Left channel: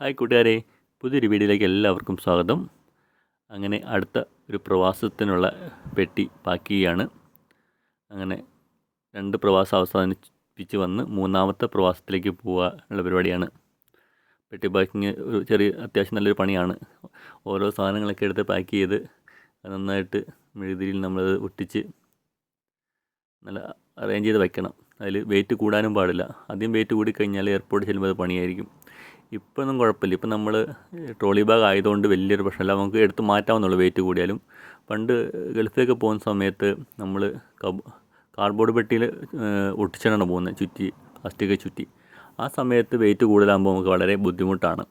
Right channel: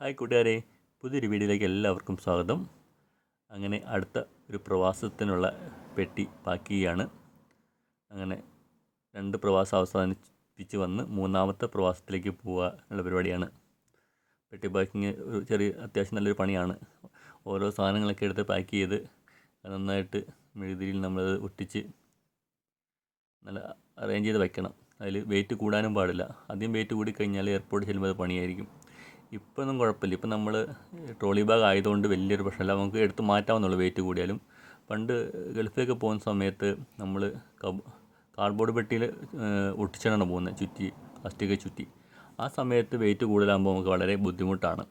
Hi കൂട്ടുകാരെ, പുതിയൊരു വീഡിയോയിലേക്ക് എല്ലാവർക്കും സ്വാഗതം. അങ്ങനെ അടുത്ത ഒരു പ്രവാസത്തിനുള്ള പെട്ടി പാക്ക് ചെയ്യുകയാണ്. അങ്ങനെ 2 പ്രവാസം അവസാനിപ്പിച്ച് വന്ന് മൂന്നാമത്തെ പ്രവാസത്തിലേക്ക് പോവുക ഉള്ള പരിപാടിയാണ്. പെട്ടി പാക്കിങ് ഒരു ചെറിയ അത്യാവശ്യം നല്ലൊരു പണിയാണ്. ഓരോ സാധനങ്ങളൊക്കെ എടുത്ത് പാക്ക് ചെയ്ത് നന്നായിട്ട് മെഴുകുതിരിയിൽ നമ്മളത് ഒട്ടിച്ച് നല്ല അറേഞ്ച് ചെയ്ത് വയ്ക്കണം. അതിൽ വെയിറ്റ് കൂടാനും പാടില്ല. ആദ്യം വെയിറ്റ് കൂടിക്കഴിഞ്ഞാൽ എയർപോർട്ടിൽ ചെല്ലുമ്പോൾ അത് പണിയായിരിക്കും. ഇപ്പോഴൊന്നും കുഴപ്പമില്ല. ഇപ്പം നമ്മൾ ട്രോളി ബാഗ് ആയതുകൊണ്ട് വലിയൊരു പ്രശ്നമില്ല, നമുക്ക് എടുത്ത് മാറ്റാവുന്നുള്ളൂ വെയിറ്റ് കൂടിയാലും. പണ്ട് ഗൾഫിലേക്ക് പോകുന്ന സമയത്ത് നമ്മൾ കാർഡ്ബോർഡ് പെട്ടിയിൽ ഒട്ടിച്ചാണ് പോകുന്നത്, ചുറ്റി പ്ലാസ്റ്റിക് ചുറ്റി. ആ സമയത്ത് വെയിറ്റ് കൂടുതലാകുമ്പോൾ നമുക്ക് വളരെ ബുദ്ധിമുട്ടാണ്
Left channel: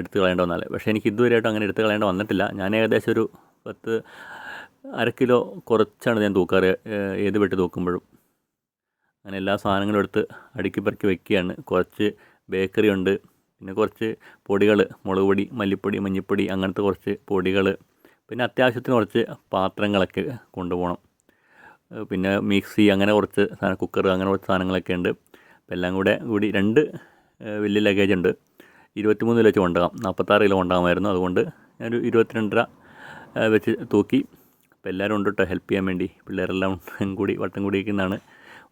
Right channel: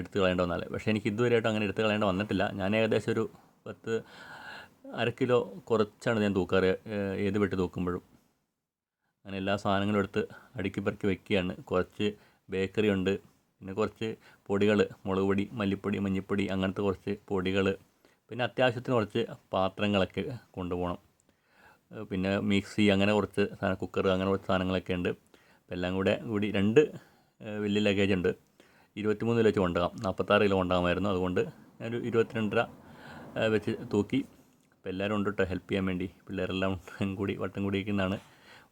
എടുത്ത് കളയേണ്ട വന്നാൽ. പക്ഷേ എനിക്ക് ഇതുവരെയായിട്ടും അങ്ങനെ എടുത്ത് കളയേണ്ട വന്നിട്ടില്ല. ഞാൻ ഏകദേശം ഒരു 1/2 കിലോ കുറച്ചാണ് ഞാൻ തൂക്കാറ് ഏത് പെട്ടി തൂക്കുമ്പോഴും. അങ്ങനെ എല്ലാ സാധനങ്ങളും എടുത്ത് അടുക്കി പെറുക്കി വയ്ക്കുകയാണ്. കുറച്ച് ബേക്കറി ഉണ്ട്, പിന്നെ കുറച്ച് പൊടികൾ, മുളക് പൊടി, മല്ലിപ്പൊടി, മഞ്ഞൾപ്പൊടി, അങ്ങനത്തെ കുറച്ച് പൊടികൾ, പിന്നെ അത്യാവശ്യത്തിന് കുറച്ച് പാത്രങ്ങളൊക്കെ കൊണ്ടുപോകണം. പിന്നെ മിക്സി, അങ്ങനെ കുറച്ച് കുക്കർ, അങ്ങനെ കുറച്ച് സാധനങ്ങളൊക്കെ ഉണ്ട്. അപ്പോൾ എല്ലാം കൂടി 2 വലിയ ലഗേജ് ഉണ്ട്. 23 കിലോ വെച്ച് കൊണ്ടുപോകാം. 46 കിലോ കൊണ്ടുപോകാമായിരുന്നു. അതുകൊണ്ട് ഞാനൊരു 22.5 വെച്ച് തൂക്കി. അപ്പോൾ എല്ലാവരും ഉണ്ട് കേട്ടോ ഹെൽപ്പ് ചെയ്യാൻ വേണ്ടി. പിള്ളേരെല്ലാം വട്ടം കൂടിയിരിക്കുന്നതാണ്.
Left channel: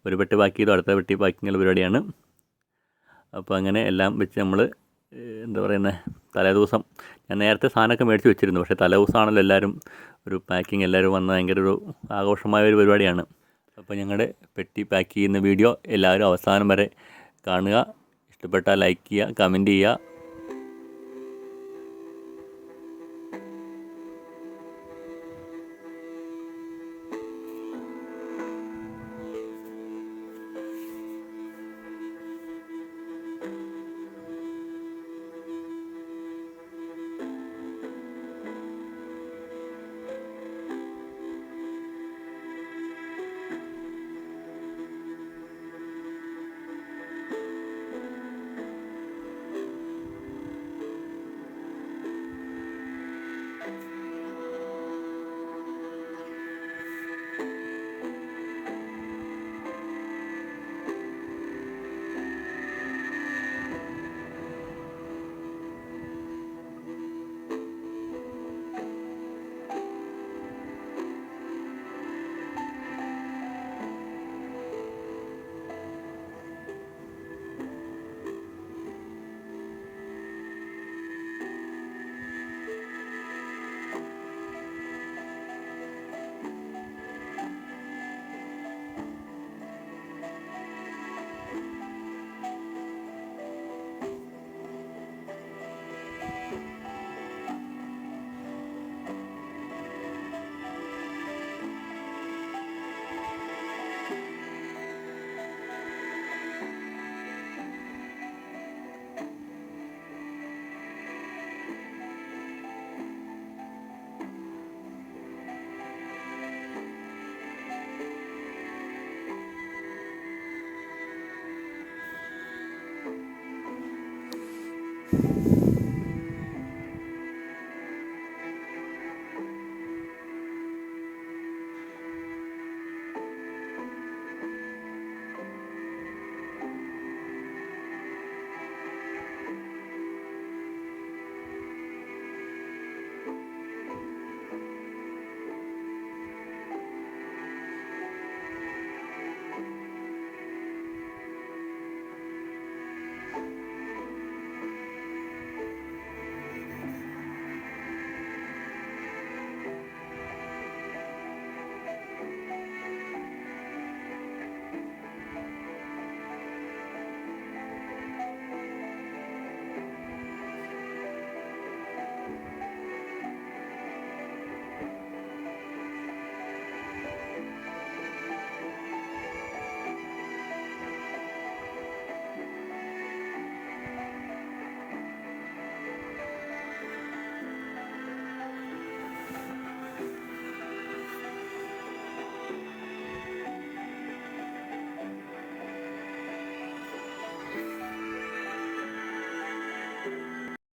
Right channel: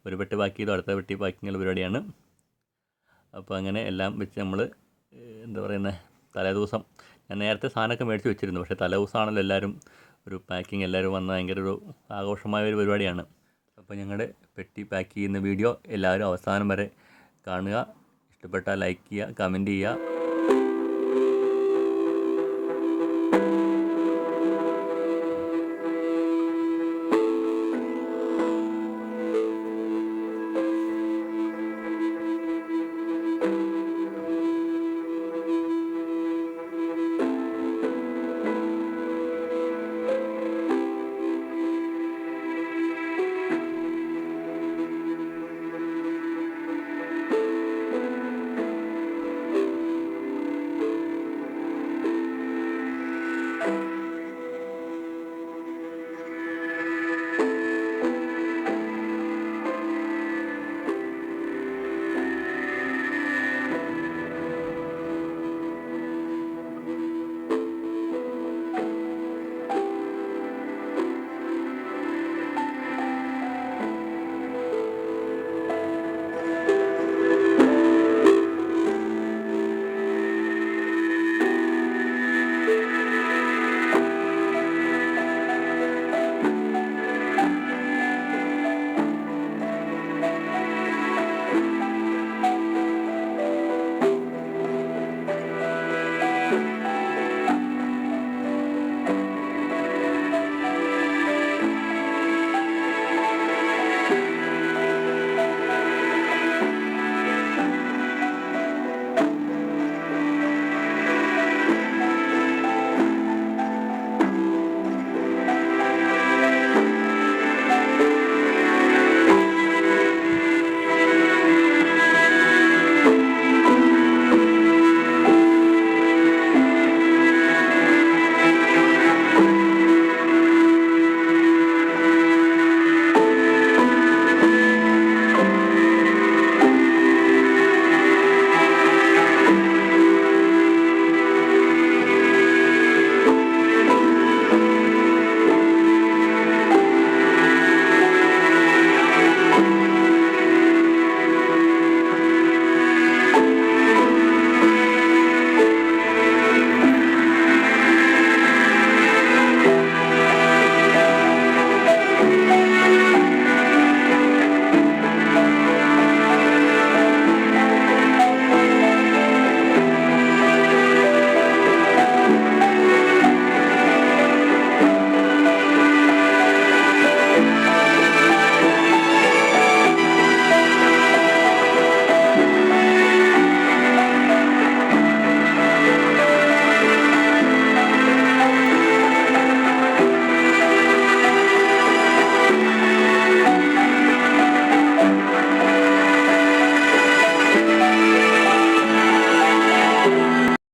ഒരു പെട്ടി പാക്ക് ചെയ്തു, അടുത്ത പെട്ടി പാക്കിങ്ങുള്ള പരിപാടിയാണ്. അപ്പോൾ അങ്ങനെ എല്ലാം വെച്ച് നമ്മൾ എന്താ പറയുന്നത്, തലേദിവസം ഞാൻ നേരത്തെ സാധനമൊക്കെ മേടിച്ച് വെച്ചിരുന്നു. പക്ഷേ തലേദിവസമാണല്ലോ എല്ലാവരും ഒരു പാക്കിങ്, എല്ലാവരും വന്ന് ഭയങ്കര ഒരു ആഘോഷമായ ഒരു പരിപാടിയാണ്. അപ്പോൾ ഞങ്ങളുടെ പെട്ടി പാക്ക് ചെയ്യുന്ന വീഡിയോ എല്ലാവരും അവസാനം വരെ കാണുക. ഇഷ്ടപ്പെട്ടാൽ ലൈക്ക് ചെയ്യുക, കമൻറ്റ് ചെയ്യുക.